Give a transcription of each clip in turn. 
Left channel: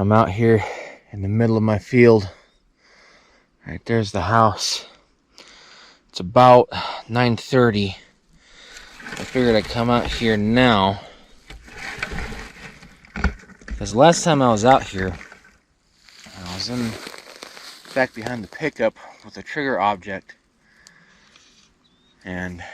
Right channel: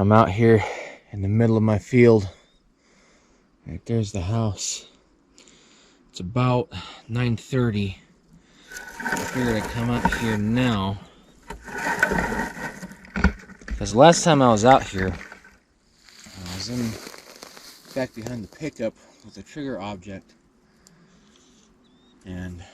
I'm out here in the middle of my field. Right there's the house. It's about 9:30. I figured I'd come out here now because last time I was out here, I was in back behind the pickup with a trigger object, and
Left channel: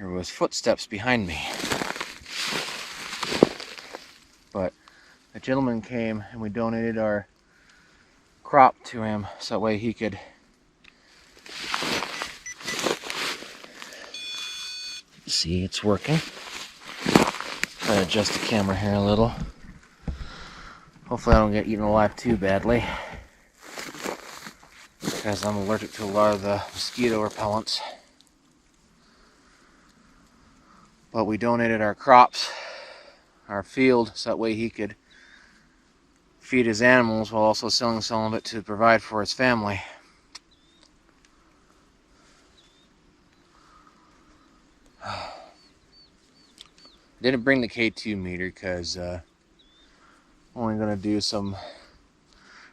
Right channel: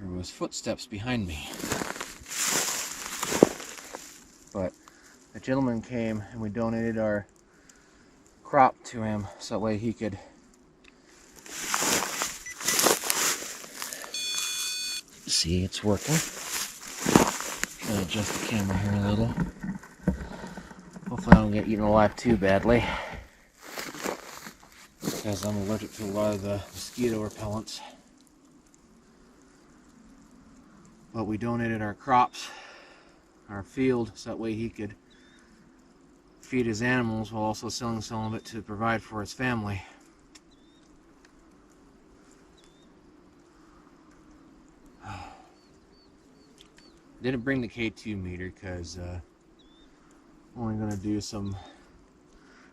there was footsteps behind me. But a gentleman came and we donated our crop to him so that way he could see it's working. Try to adjust the camera here a little. Hopefully I don't get eaten alive too badly, because I'm allergic to a lot of the mosquito repellents. But we donated our crops, our field, so that way he could feed his animals while also selling some of it to provide for his family. Didn't bring the K2 meter because I'm only going to do some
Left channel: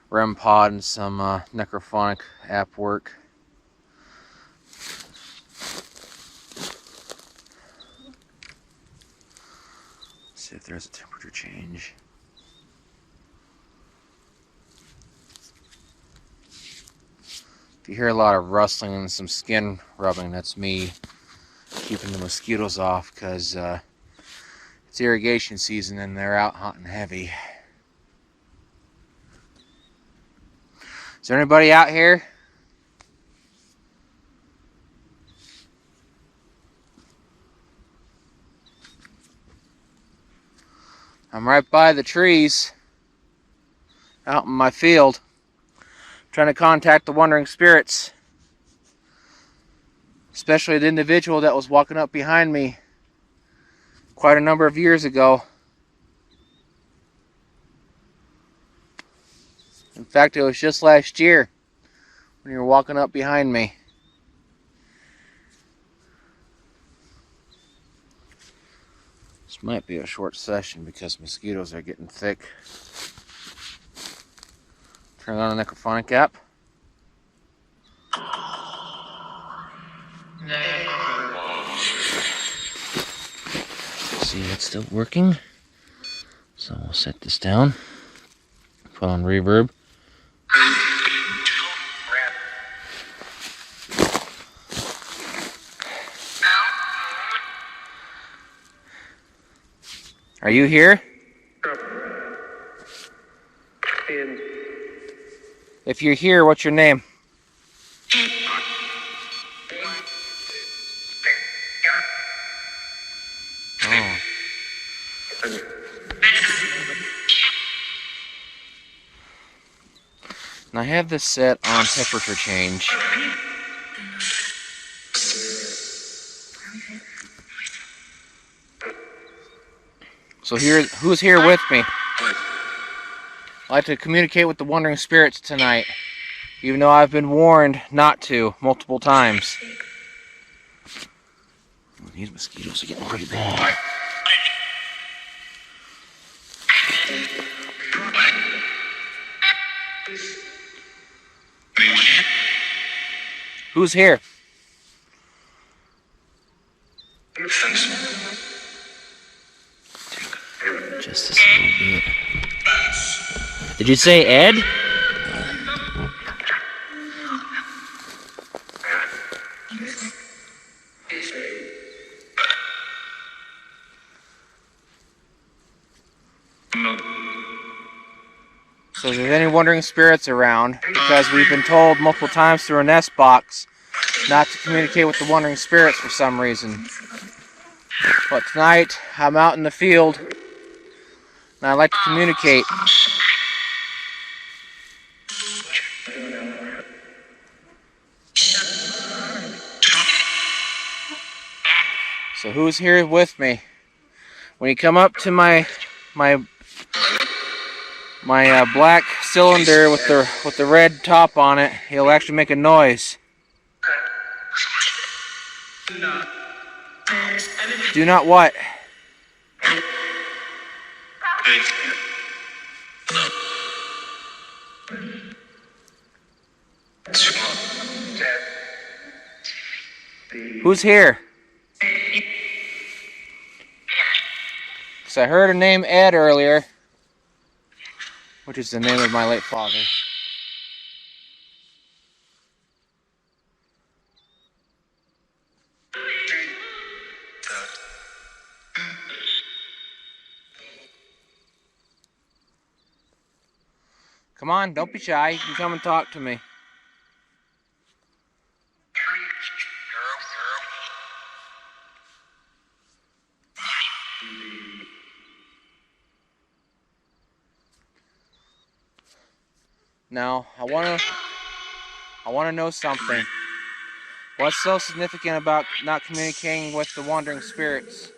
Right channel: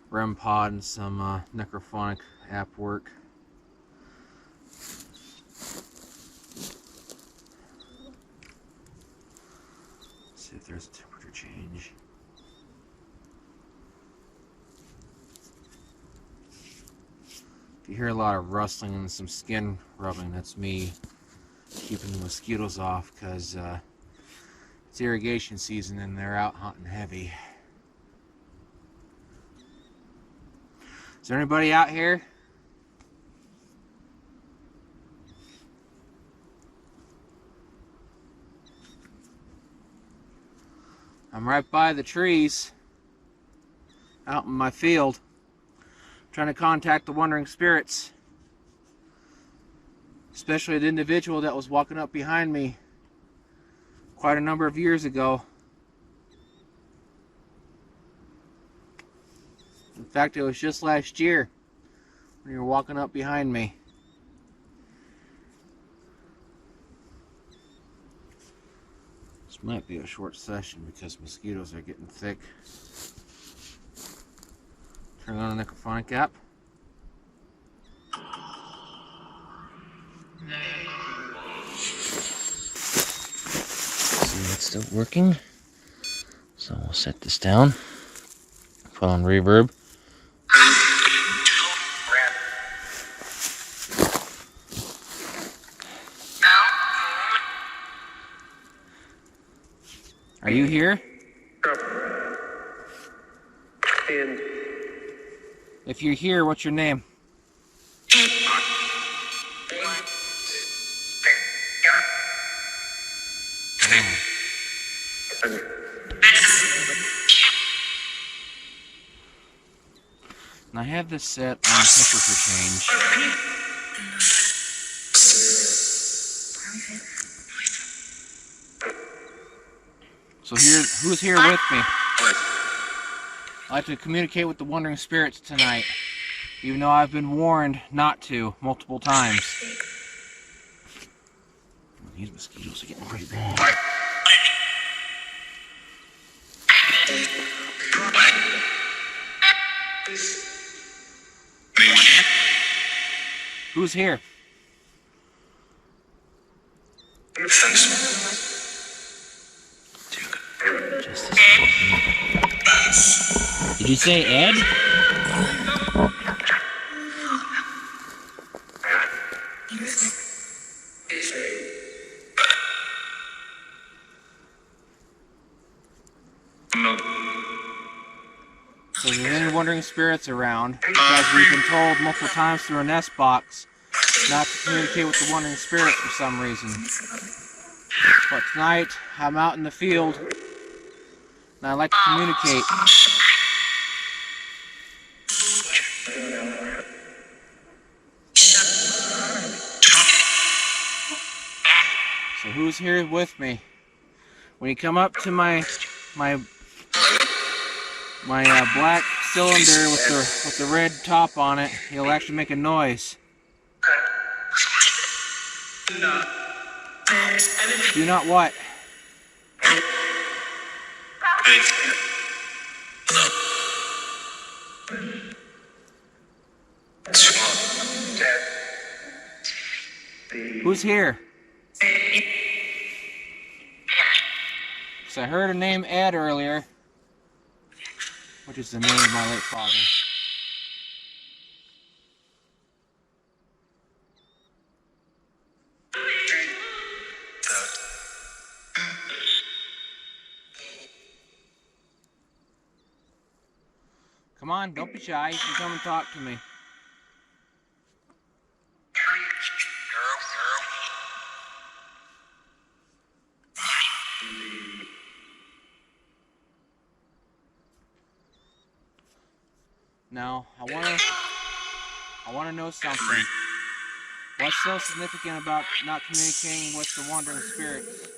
REM-POD and some Necrophonic app work. Let's see if there's a temperature change. If you hear a lot of rustling and some skin rubbing, that's me keeping the mosquitoes off, because it's irrigation season and they're out hunting heavy. Is there anybody out here? I'm right by the trees out in my field, trying to contact the wandering spirits, especially the individual that was walking up behind me quite a number of years ago. In fact, it was just last year when you were walking up behind me. This might be a short session because mosquitoes are getting thick. Turn on the Necrophonic app. See, it's still working. So we'll set this down. Put on reverb. Are you here? If you're here, what's your name? And I have this set on temperature change. So here, who's here with me? I'd like to communicate with the wandering spirits tonight, even though I've been warned not to multiple times. These mosquitoes are getting pretty bad. Who's here? Just a second. Did you say Ed? So if there's any wandering spirits around, because we've been told multiple times through a nest box not to communicate with the wandering spirits for some reason. But tonight, I'm out in the field, and I'd like to communicate. So who's here with me? When you come up to my black cylinder with the red top on it, he'll actually make a noise. Do not what? Who's here? So I heard a name Ed earlier, which is the name of my late father. Come on, don't be shy. You can come and talk to me. Now, I wanna know something. What's so significant about not communicating with the wandering spirits?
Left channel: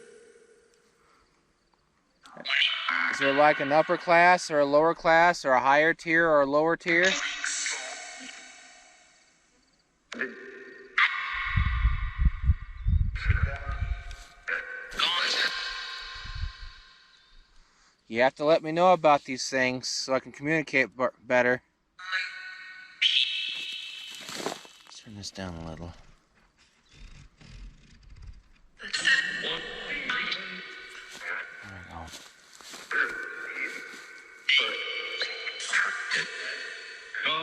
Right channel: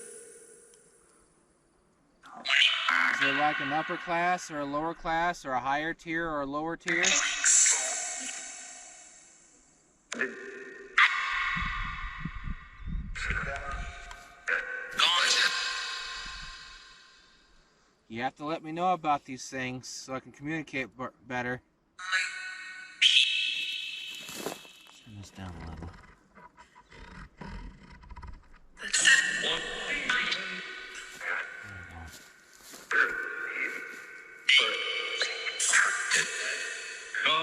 Is there like an upper class or a lower class or a higher tier or a lower tier? You have to let me know about these things so I can communicate better. Let's turn this down a little.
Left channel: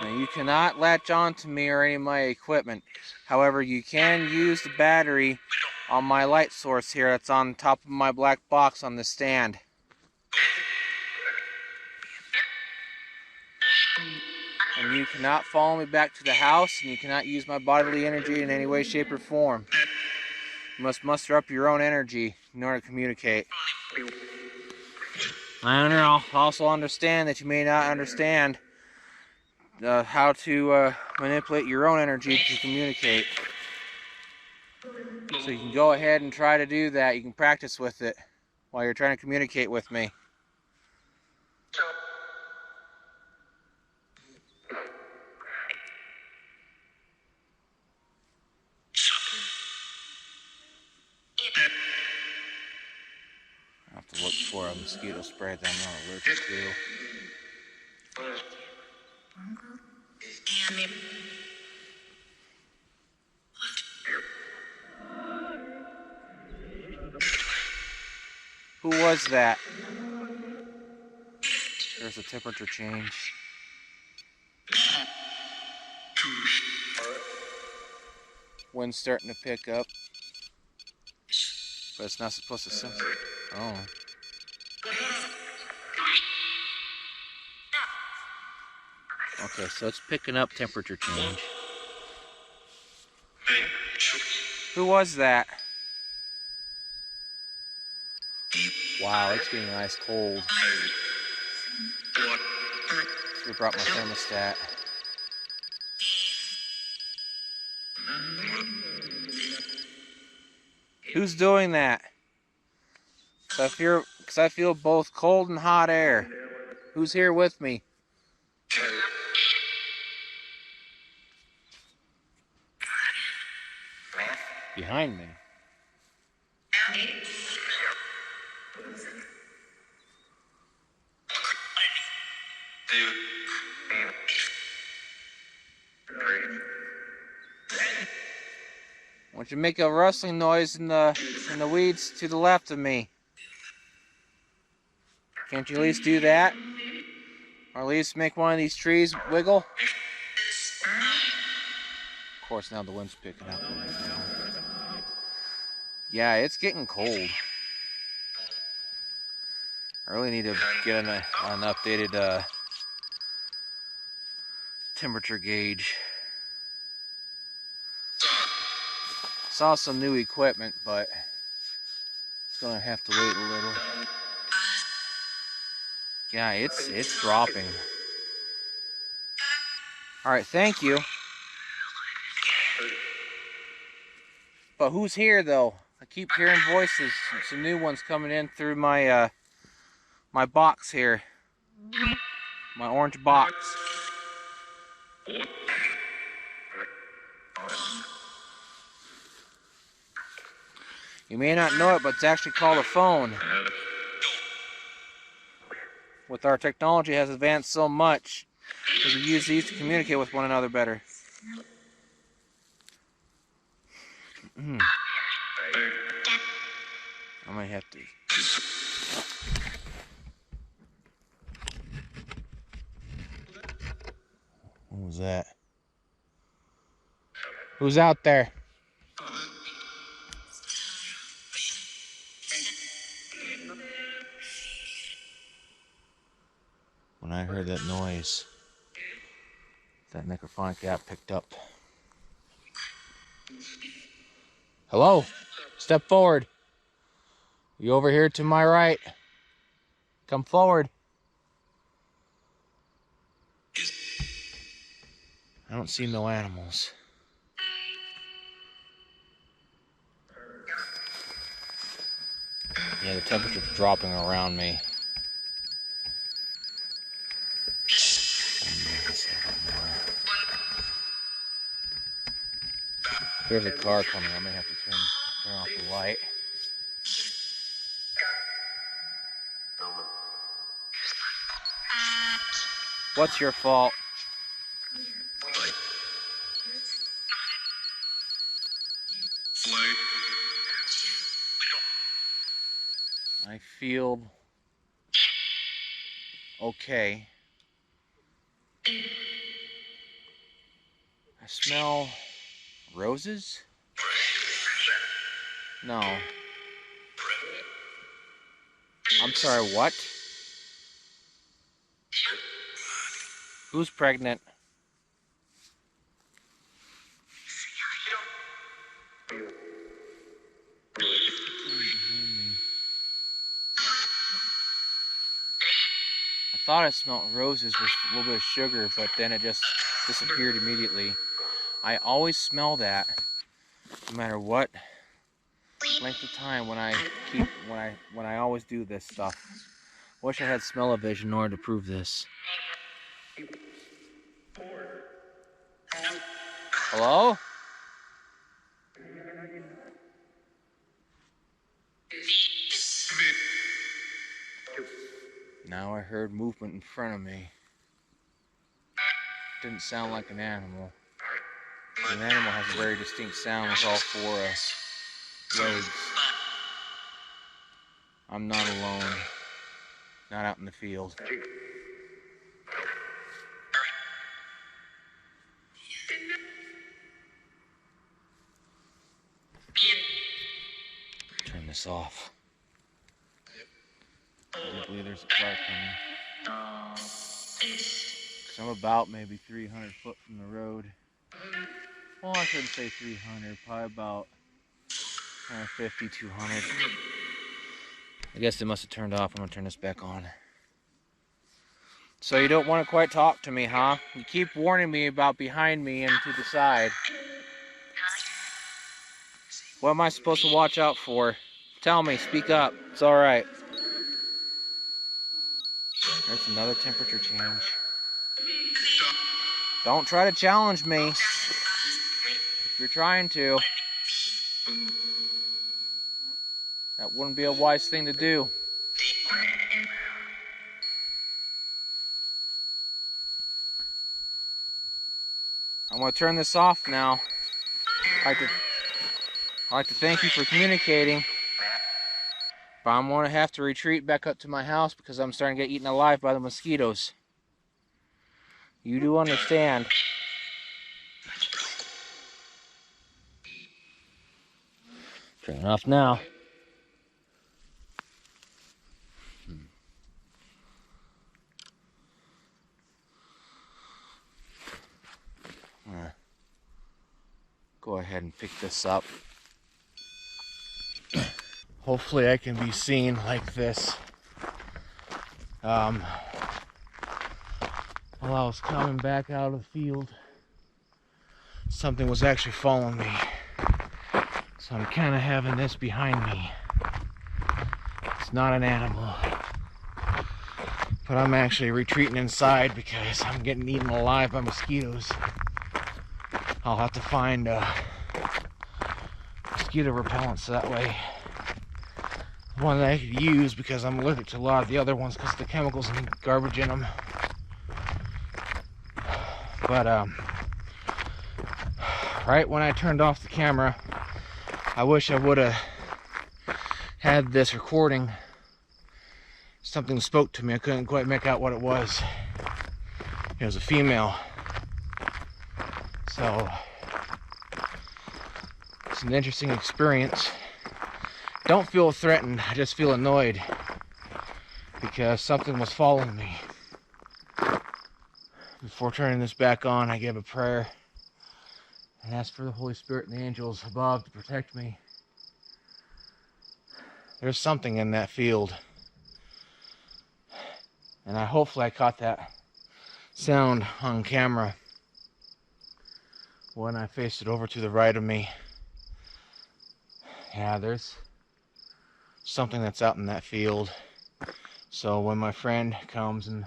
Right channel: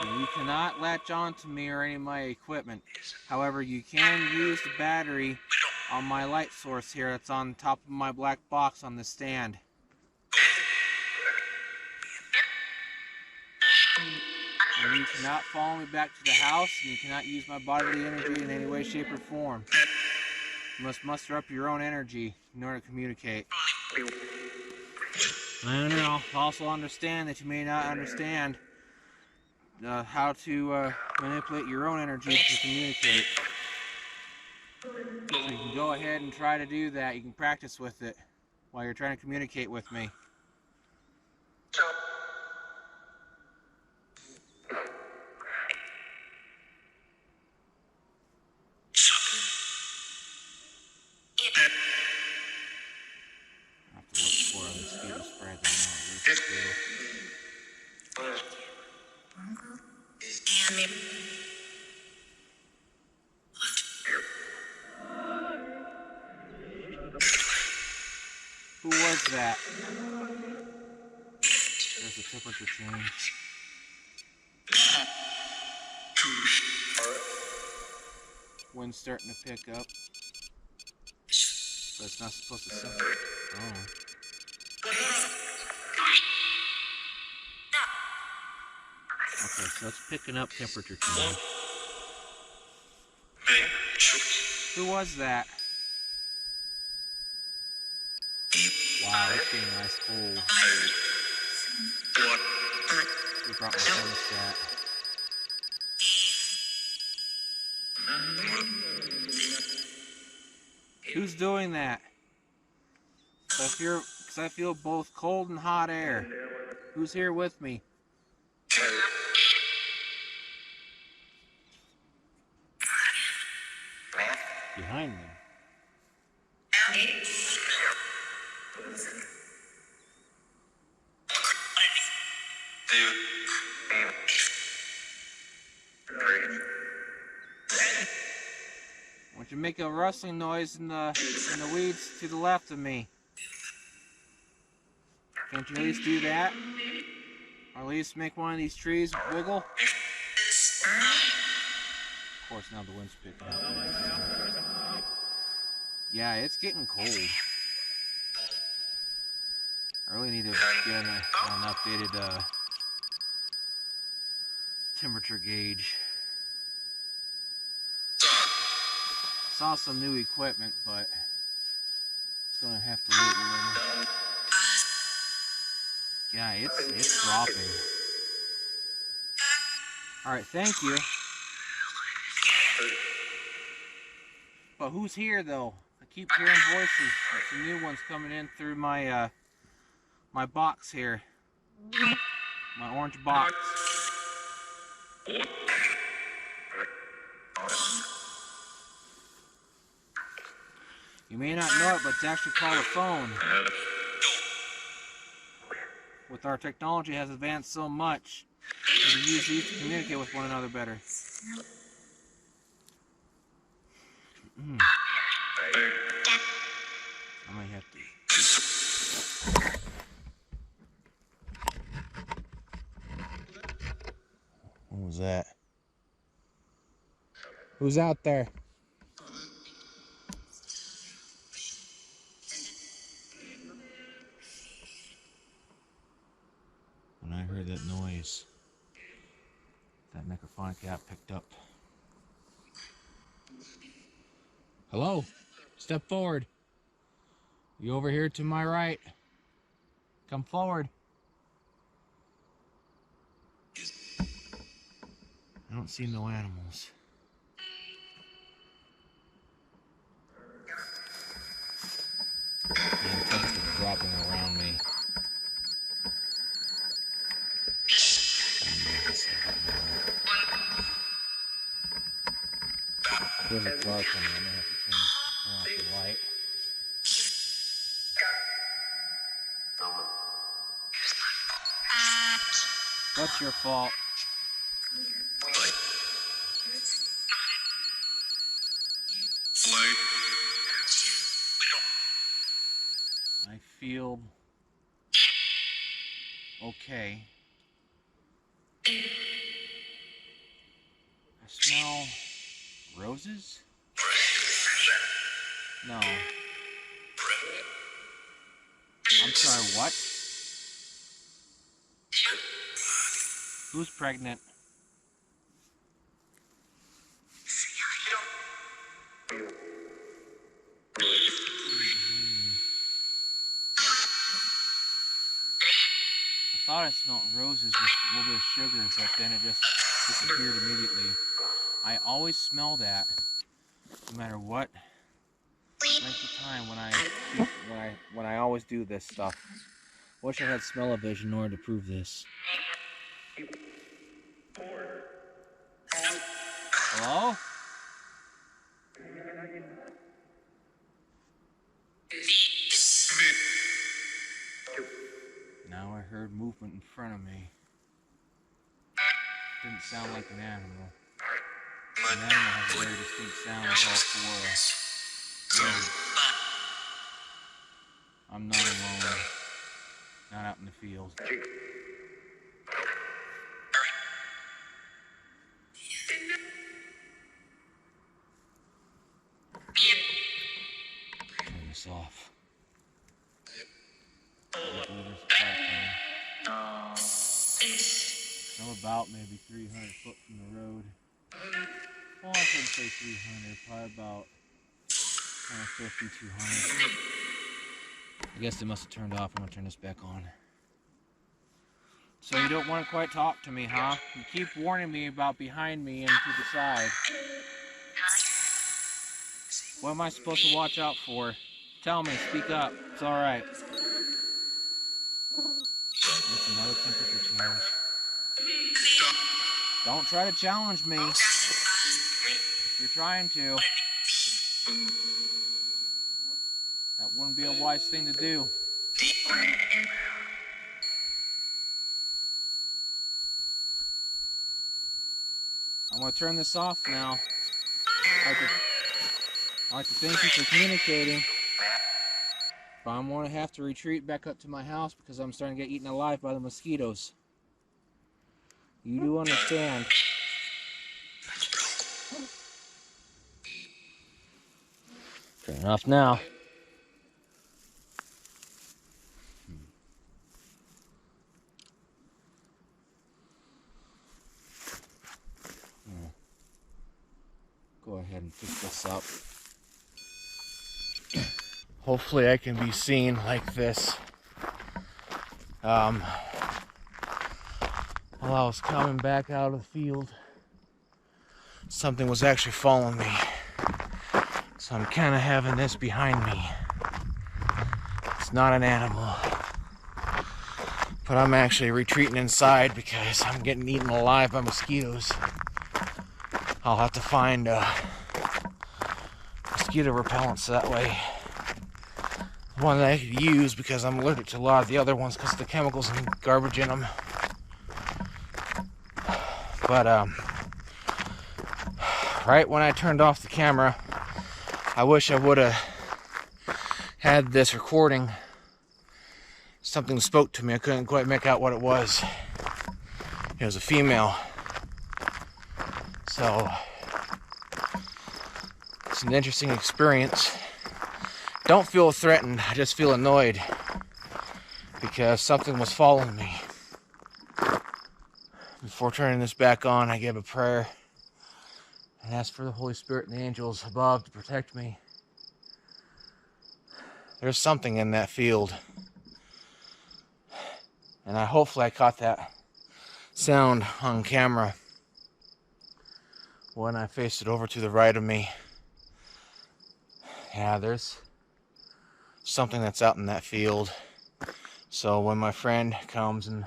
Now, you cannot latch on to me or any of my equipment. However, you can use the battery on my light source here that's on top of my black box on the stand. And you cannot follow me back to the house, and you cannot use my bodily energy in any way, shape, or form. You must muster up your own energy in order to communicate. I also understand that you may not understand how to manipulate your own energy to communicate. So you can go ahead and try to do that. You can practice with it while you're trying to communicate with me. I have to look for a mosquito spray that I'm not allergic to. Who was that? There's a temperature change. Wind's starting to pick up. But it's not supposed to sense it. Oh. Okay, so it's picking up temperature change. Who was that? Wow, it's getting ice cold. We brought my thermostat. Who's doing that? Because I feel both cold and hot air. Who's here with me? Behind me. I want you to make a rustling noise in the weeds to the left of me. Can't you at least do that? Or at least make one of these trees wiggle? Of course, now the wind's picking up. Yeah, it's getting cold. I really need to get an updated temperature gauge. Saw some new equipment, but it's gonna have to wait a little. Yeah, it's dropping. Alright, thank you. But who's here though? I keep hearing voices, some new ones coming in through my my box here. My orange box. You may not know it, but it's actually called a phone. with our technology has advanced so much, we can use these to communicate with one another better. I might have to. What was that? Who's out there? When I heard that noise, that Necrophonic app picked up. Hello? Step forward. You over here to my right. Come forward. I don't see no animals. Yeah, the temperature's dropping around me. There's a car coming. I may have to turn off the light. What's your fault? I feel okay. I smell roses? No. I'm sorry, what? Who's pregnant? I thought I smelled roses with a little bit of sugar, but then it just disappeared immediately. I always smell that, no matter what length of time when I always do this stuff. Wish I had smell-o-vision in order to prove this. Hello? Now I heard movement in front of me. Didn't sound like an animal. An animal has a very distinct sound with all four lobes. I'm not alone. Not out in the field. Turn this off. I believe there's a car coming. So I'm about maybe 300 foot from the road. Well, I shouldn't say 300, probably about 150, 200. I guess it must have turned off. I'm gonna turn this back on. So you don't want to quite talk to me, huh? You keep warning me about behind me and to the side. What am I supposed to watch out for? Tell me, speak up. It's alright. That's another temperature change. Don't try to challenge me. If you're trying to, that wouldn't be a wise thing to do. I'm going to turn this off now. I'd like to thank you for communicating. But I'm going to have to retreat back up to my house because I'm starting to get eaten alive by the mosquitoes. You do understand. Turn it off now. Go ahead and pick this up. Hopefully I can be seen like this. While I was coming back out of the field, something was actually following me. So I'm kind of having this behind me. It's not an animal. But I'm actually retreating inside because I'm getting eaten alive by mosquitoes. I'll have to find mosquito repellent so that way one that I could use because I'm allergic to a lot of the other ones because of the chemicals and garbage in them. But right when I turned off the camera, I wish I would have had this recording. Something spoke to me. I couldn't quite make out what it was. It was a female. So it's an interesting experience. Don't feel threatened, I just feel annoyed because something was following me. Before turning this back on, I gave a prayer and asked for the Holy Spirit and the angels above to protect me. There's something in that field. And hopefully I caught that sound on camera when I faced it over to the right of me. Yeah, there's something that's out in that field. So when my friend comes and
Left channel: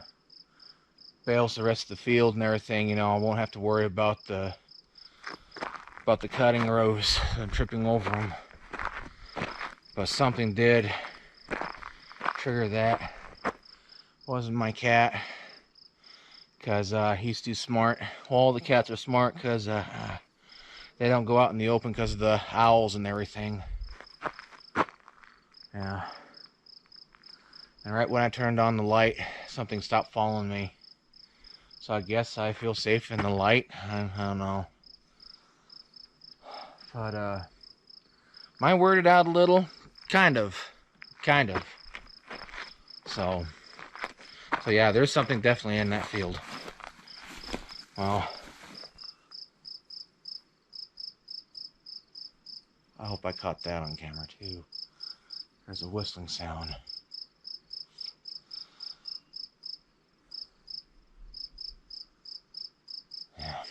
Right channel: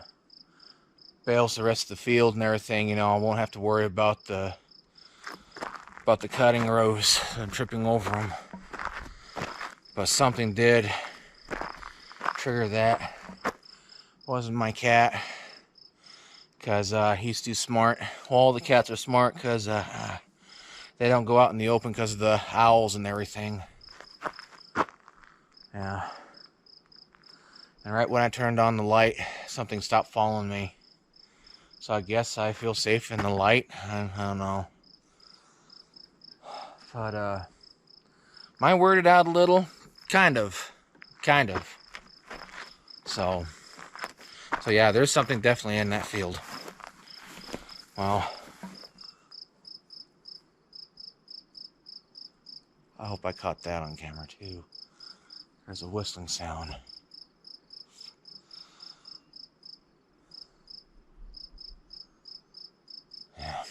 bales the rest of the field and everything, you know, I won't have to worry about the cutting rows and tripping over them. But something did trigger that. Wasn't my cat, because he's too smart. Well, all the cats are smart because they don't go out in the open because of the owls and everything. Yeah. And right when I turned on the light, something stopped following me. So I guess I feel safe in the light. I don't know. But am I weirded out a little? Kind of. So yeah, there's something definitely in that field. Well, I hope I caught that on camera too. There's a whistling sound. Yeah.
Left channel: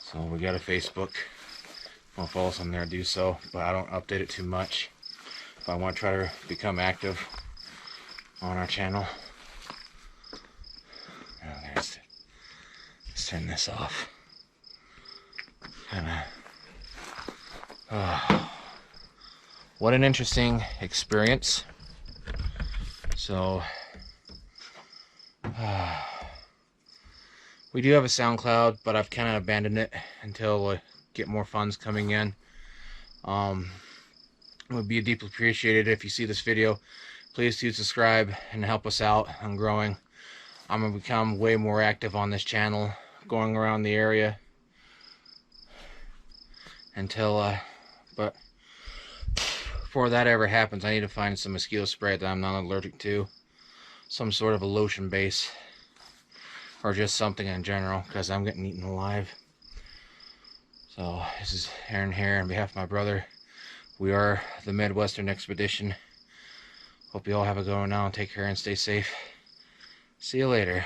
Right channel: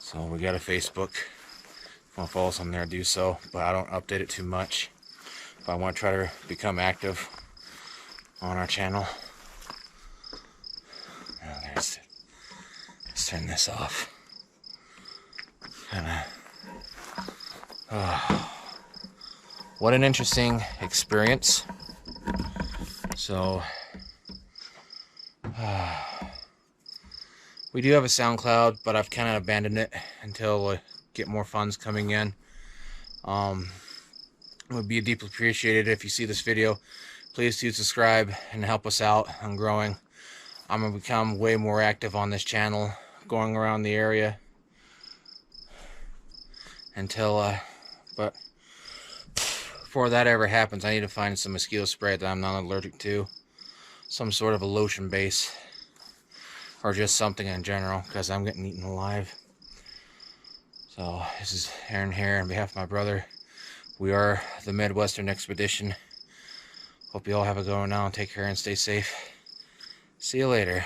So we got a Facebook. If you want to follow us on there, do so. But I don't update it too much. But I want to try to become active on our channel. Oh, there's it. Let's turn this off. What an interesting experience. So we do have a SoundCloud, but I've kind of abandoned it until we get more funds coming in. It would be deeply appreciated if you see this video. Please do subscribe and help us out on growing. I'm going to become way more active on this channel, going around the area until, but before that ever happens, I need to find some mosquito spray that I'm not allergic to. Some sort of a lotion base, or just something in general, because I'm getting eaten alive. So this is Aaron here on behalf of my brother. We are the Midwestern Expedition. Hope you all have a good one now and take care and stay safe. See you later.